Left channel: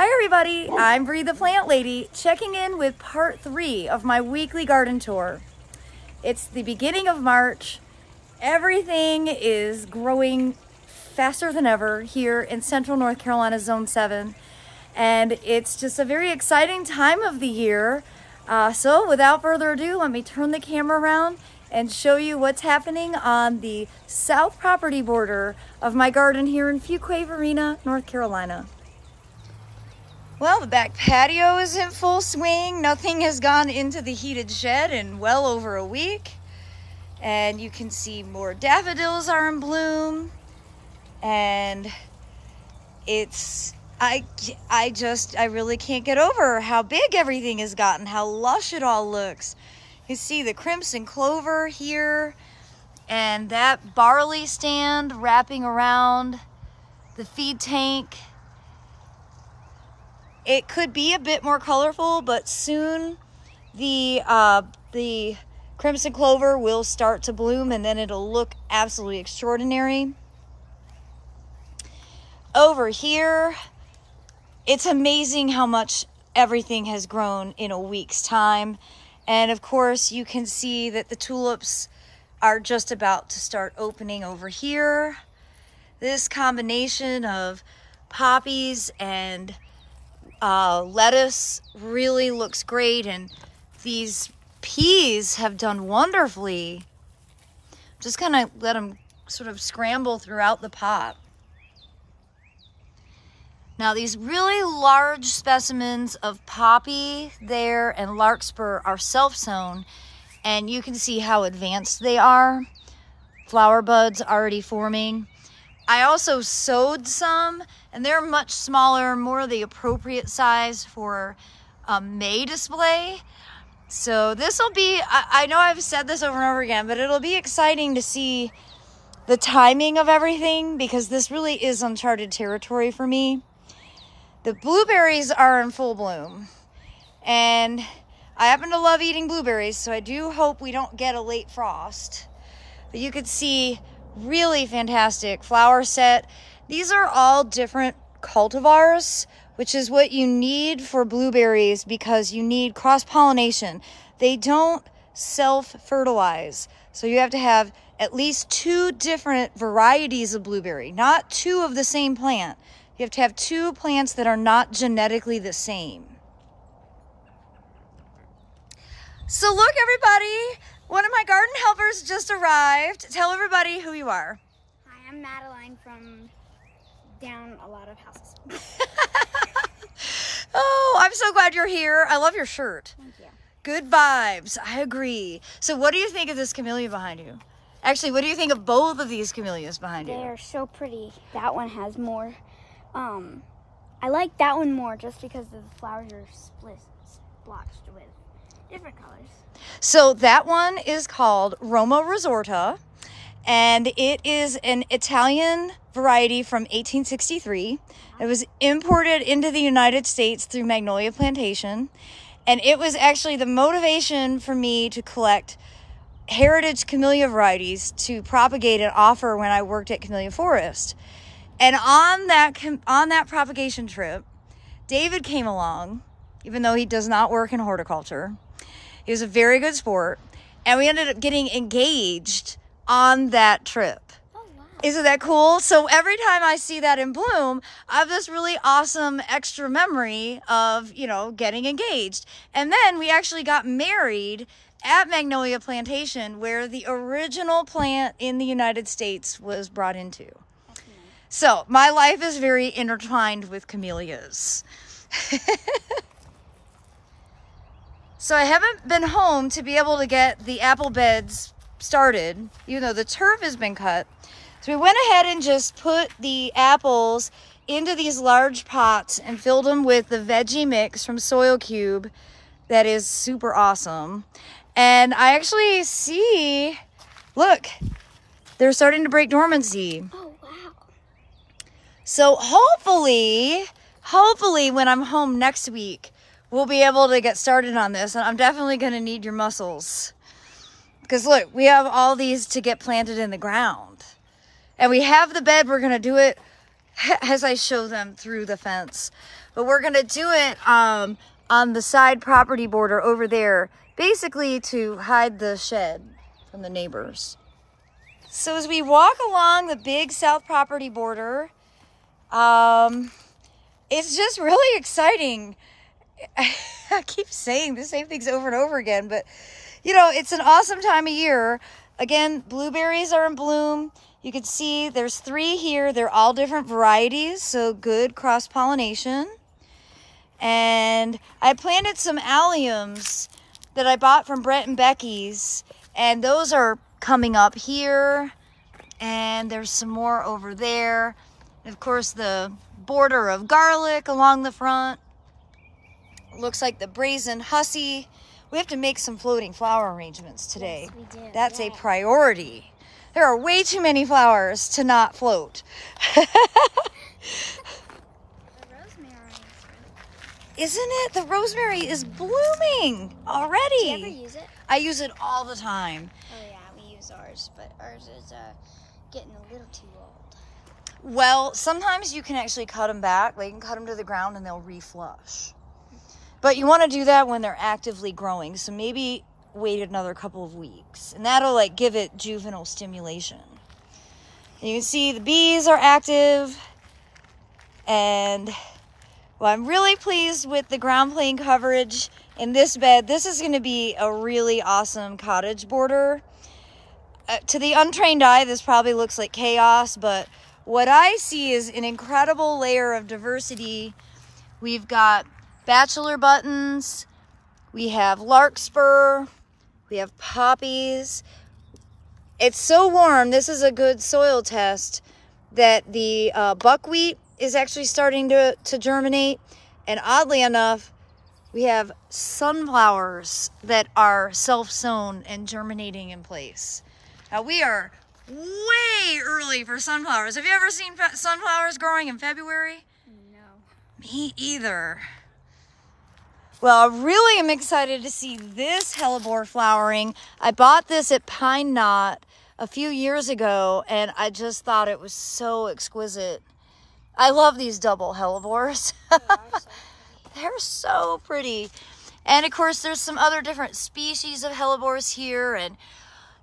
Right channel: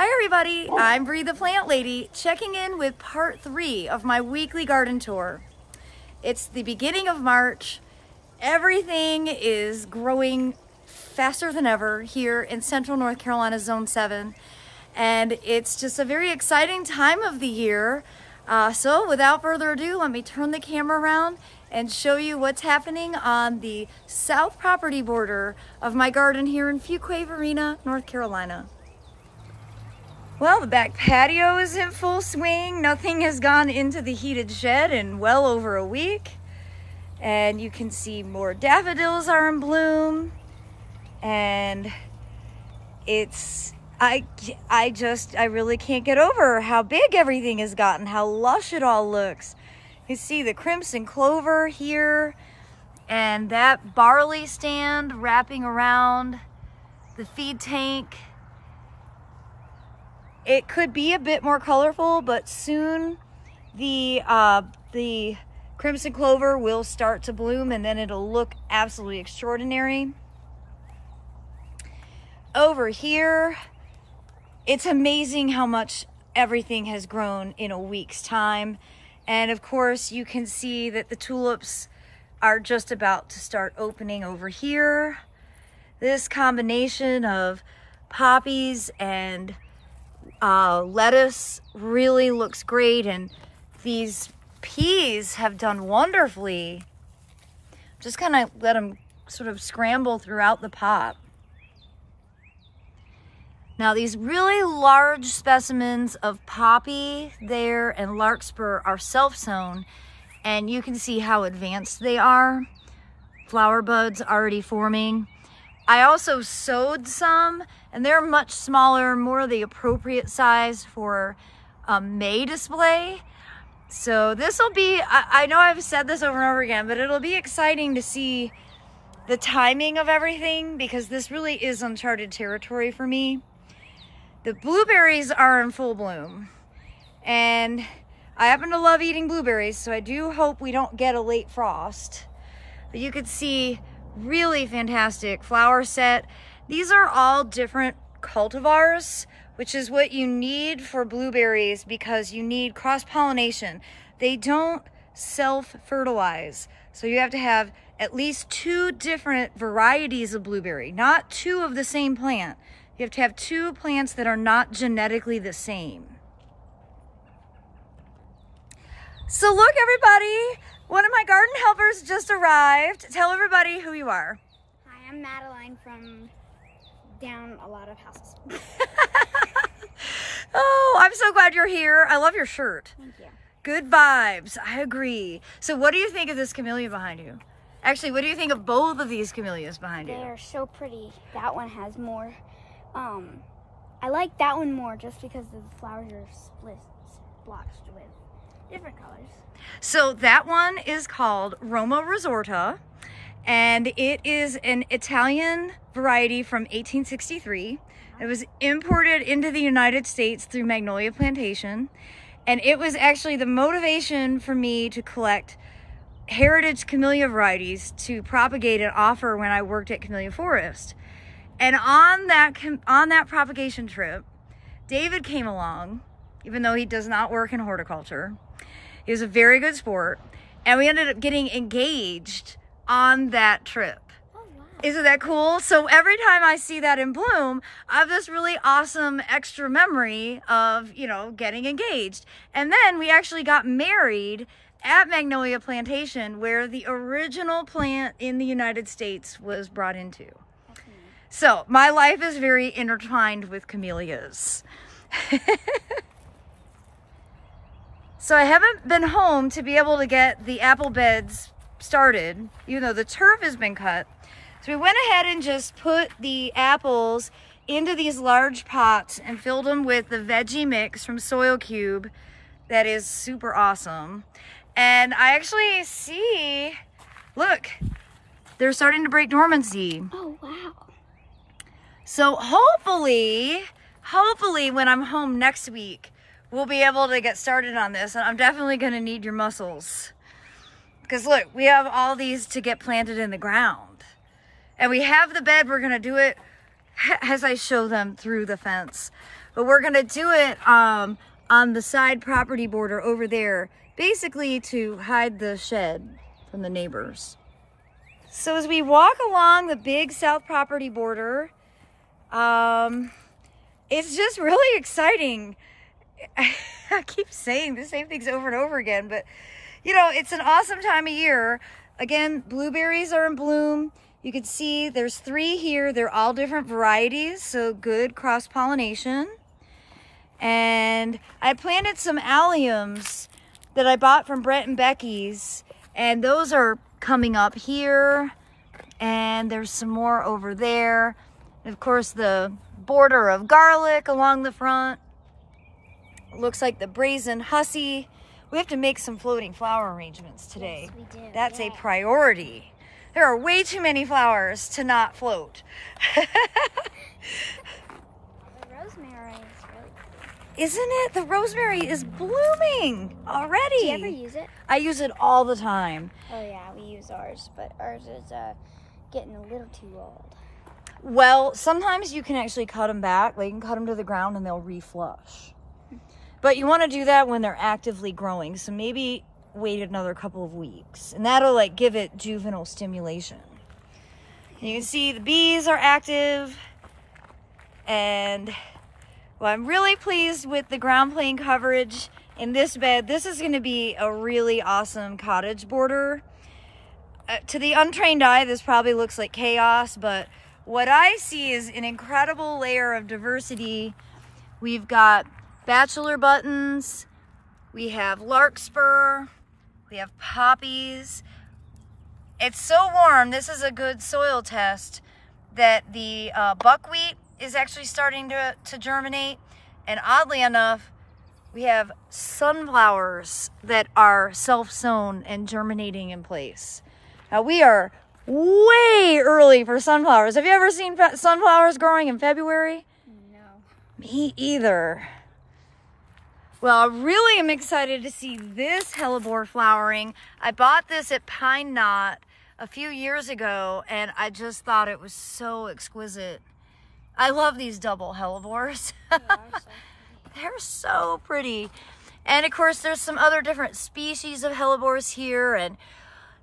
Hi everybody, I'm Bree the Plant Lady, checking in with part 3 of my weekly garden tour. It's the beginning of March. Everything is growing faster than ever here in Central North Carolina Zone 7. And it's just a very exciting time of the year. So without further ado, let me turn the camera around and show you what's happening on the south property border of my garden here in Fuquay-Varina, North Carolina. Well, the back patio is in full swing. Nothing has gone into the heated shed in well over a week. And you can see more daffodils are in bloom. And it's, I really can't get over how big everything has gotten, how lush it all looks. You see the crimson clover here and that barley stand wrapping around the feed tank. It could be a bit more colorful, but soon the crimson clover will start to bloom and then it'll look absolutely extraordinary. Over here, it's amazing how much everything has grown in a week's time. And of course, you can see that the tulips are just about to start opening over here. This combination of poppies and lettuce really looks great, and these peas have done wonderfully. Just kind of let them sort of scramble throughout the pot. Now these really large specimens of poppy there and larkspur are self-sown, and you can see how advanced they are. Flower buds already forming. I also sowed some, and they're much smaller, more the appropriate size for a May display. So this will be, I know I've said this over and over again, but it'll be exciting to see the timing of everything because this really is uncharted territory for me. The blueberries are in full bloom, and I happen to love eating blueberries, so I do hope we don't get a late frost. But you could see really fantastic flower set. These are all different cultivars, which is what you need for blueberries because you need cross-pollination. They don't self-fertilize. So you have to have at least 2 different varieties of blueberry, not 2 of the same plant. You have to have 2 plants that are not genetically the same. So look, everybody, one of my garden helpers just arrived. Tell everybody who you are. Hi, I'm Madeline from down a lot of houses. Oh, I'm so glad you're here. I love your shirt. Thank you. Good vibes. I agree. So what do you think of this camellia behind you? Actually, what do you think of both of these camellias behind you? They are so pretty. That one has more. I like that one more just because the flowers are splotched with different colors. So that one is called Roma Resorta, and it is an Italian variety from 1863. It was imported into the United States through Magnolia Plantation, and it was actually the motivation for me to collect heritage camellia varieties to propagate and offer when I worked at Camellia Forest. And on that propagation trip, David came along, even though he does not work in horticulture. He was a very good sport, and we ended up getting engaged on that trip. Oh, wow. Isn't that cool? So every time I see that in bloom, I have this really awesome extra memory of, you know, getting engaged. And then we actually got married at Magnolia Plantation, where the original plant in the United States was brought into. That's nice. So my life is very intertwined with camellias. So I haven't been home to be able to get the apple beds started, even though the turf has been cut. So we went ahead and just put the apples into these large pots and filled them with the veggie mix from Soil Cube. That is super awesome. And I actually see, look, they're starting to break dormancy. Oh, wow. So hopefully when I'm home next week, we'll be able to get started on this. And I'm definitely going to need your muscles. Because look, we have all these to get planted in the ground. And we have the bed. We're going to do it as I show them through the fence. But we're gonna do it on the side property border over there, basically to hide the shed from the neighbors. So as we walk along the big south property border, it's just really exciting. I keep saying the same things over and over again, but you know, it's an awesome time of year. Again, blueberries are in bloom. You can see there's 3 here. They're all different varieties, so good cross-pollination. And I planted some alliums that I bought from Brett and Becky's, and those are coming up here, and there's some more over there. And of course, the border of garlic along the front. Looks like the brazen hussy. We have to make some floating flower arrangements today. Yes, we do. That's a priority. There are way too many flowers to not float. Isn't it? The rosemary is blooming already. Do you ever use it? I use it all the time. Oh yeah, we use ours, but ours is getting a little too old. Well, sometimes you can actually cut them back. Like, you can cut them to the ground and they'll reflush. But you want to do that when they're actively growing. So maybe wait another couple of weeks, and that'll like give it juvenile stimulation. You can see the bees are active, and well, I'm really pleased with the ground plane coverage in this bed. This is going to be a really awesome cottage border. To the untrained eye, this probably looks like chaos, but what I see is an incredible layer of diversity. We've got bachelor buttons, we have larkspur, we have poppies. It's so warm, this is a good soil test, that the buckwheat is actually starting to germinate. And oddly enough, we have sunflowers that are self-sown and germinating in place. Now we are way early for sunflowers. Have you ever seen sunflowers growing in February? No. Me either. Well, I really am excited to see this hellebore flowering. I bought this at Pine Knot a few years ago, and I just thought it was so exquisite. I love these double hellebores. They're so pretty. And of course, there's some other different species of hellebores here. And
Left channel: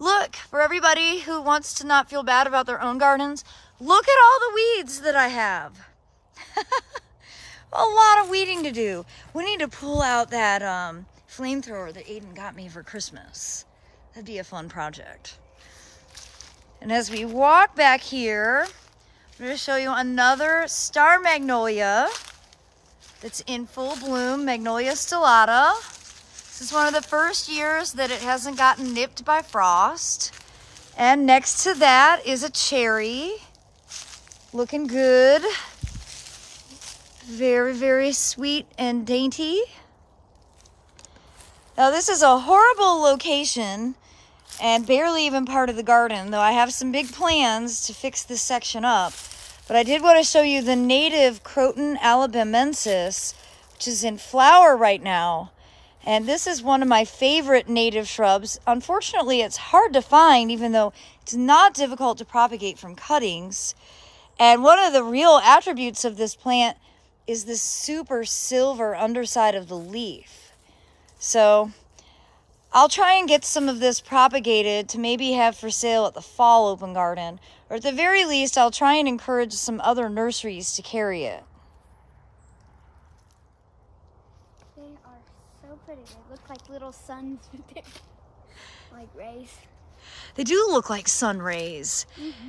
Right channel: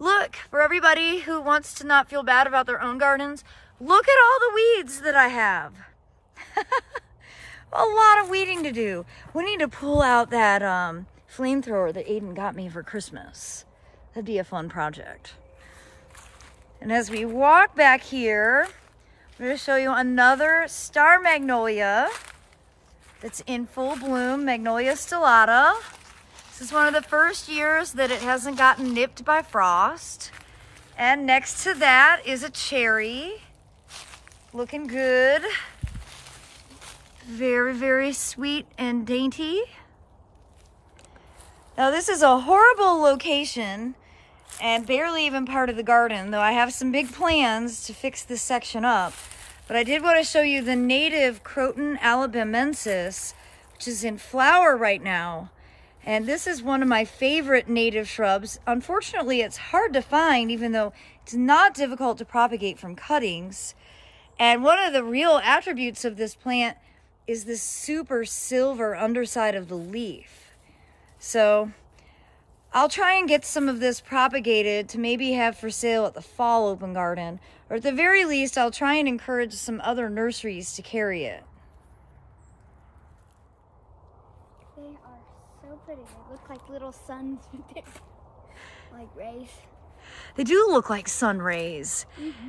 look, for everybody who wants to not feel bad about their own gardens, look at all the weeds that I have. A lot of weeding to do. We need to pull out that flamethrower that Aiden got me for Christmas. That'd be a fun project. And as we walk back here, I'm going to show you another star magnolia that's in full bloom, Magnolia stellata. This is one of the first years that it hasn't gotten nipped by frost. And next to that is a cherry, looking good. Very, very sweet and dainty. Now this is a horrible location and barely even part of the garden, though I have some big plans to fix this section up. But I did want to show you the native Croton albemensis, which is in flower right now. And this is one of my favorite native shrubs. Unfortunately, it's hard to find, even though it's not difficult to propagate from cuttings. And one of the real attributes of this plant is this super silver underside of the leaf. So I'll try and get some of this propagated to maybe have for sale at the fall open garden, or at the very least, I'll try and encourage some other nurseries to carry it. They are so pretty. They look like little suns with their, like, rays. They do look like sun rays.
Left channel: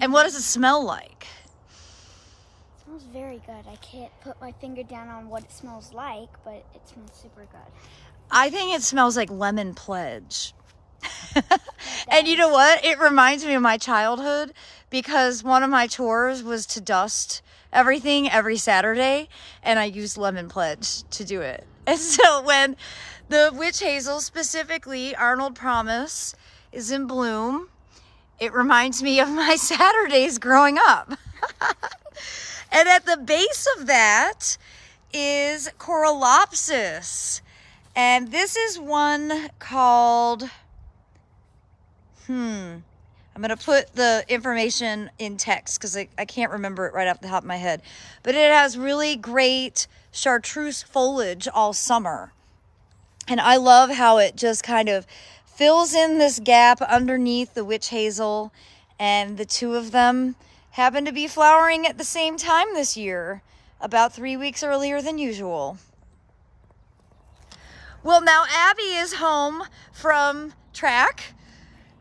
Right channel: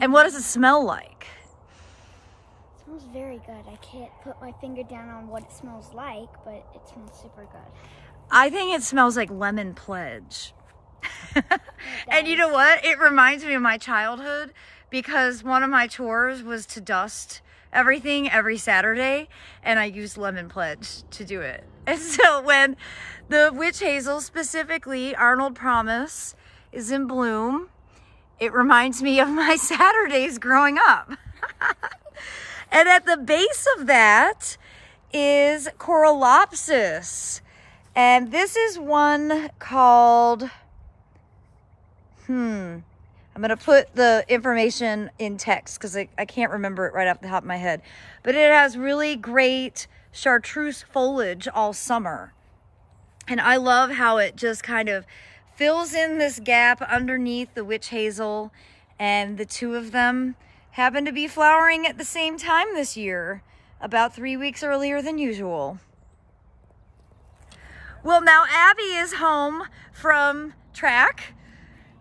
And what does it smell like? It smells very good. I can't put my finger down on what it smells like, but it smells super good. I think it smells like lemon pledge. And you know what? It reminds me of my childhood, because one of my chores was to dust everything every Saturday, and I used lemon pledge to do it. And so when the witch hazel, specifically Arnold Promise, is in bloom, it reminds me of my Saturdays growing up. And at the base of that is Coralopsis. And this is one called, I'm going to put the information in text because I can't remember it right off the top of my head. But it has really great chartreuse foliage all summer. And I love how it just kind of fills in this gap underneath the witch hazel. And the two of them happen to be flowering at the same time this year, about 3 weeks earlier than usual. Well, now Abby is home from track.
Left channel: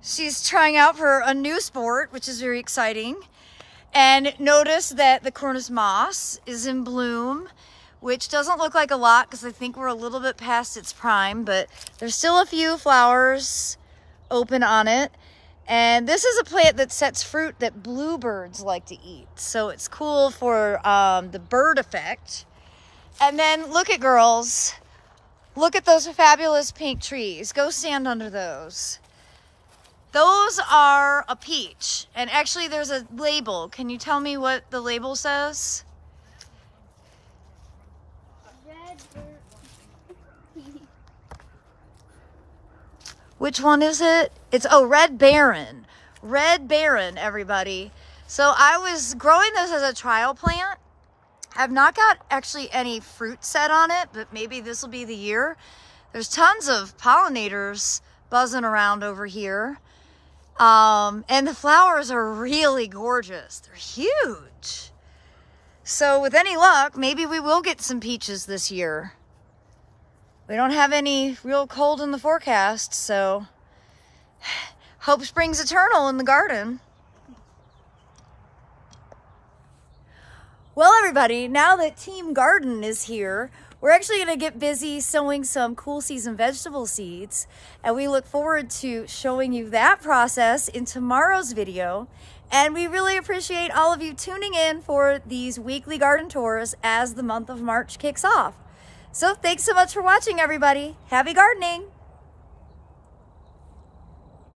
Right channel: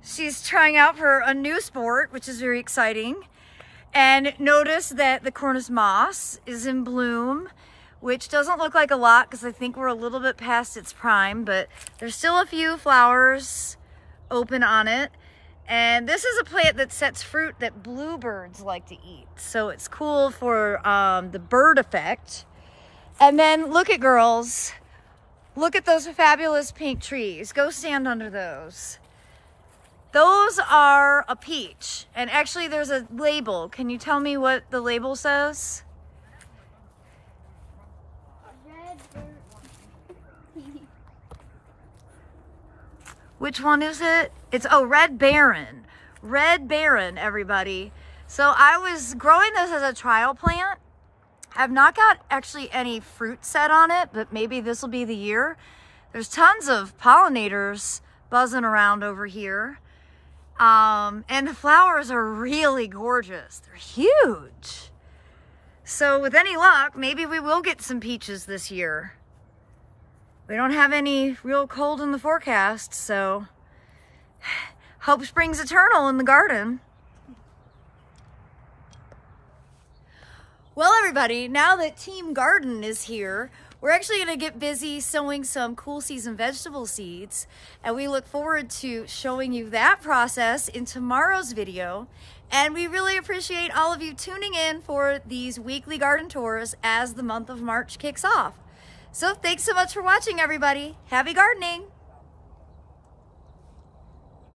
She's trying out for a new sport, which is very exciting. And notice that the Cornus Moss is in bloom, which doesn't look like a lot because I think we're a little bit past its prime, but there's still a few flowers open on it. And this is a plant that sets fruit that bluebirds like to eat. So it's cool for the bird effect. And then look at girls. Look at those fabulous pink trees. Go stand under those. Those are a peach. And actually there's a label. Can you tell me what the label says? Which one is it? It's, oh, Red Baron. Red Baron, everybody. So I was growing this as a trial plant. I've not got actually any fruit set on it, but maybe this will be the year. There's tons of pollinators buzzing around over here. And the flowers are really gorgeous. They're huge. So with any luck, maybe we will get some peaches this year. We don't have any real cold in the forecast, so hope springs eternal in the garden. Well, everybody, now that Team Garden is here, we're actually going to get busy sowing some cool season vegetable seeds, and we look forward to showing you that process in tomorrow's video. And we really appreciate all of you tuning in for these weekly garden tours as the month of March kicks off. So thanks so much for watching, everybody. Happy gardening!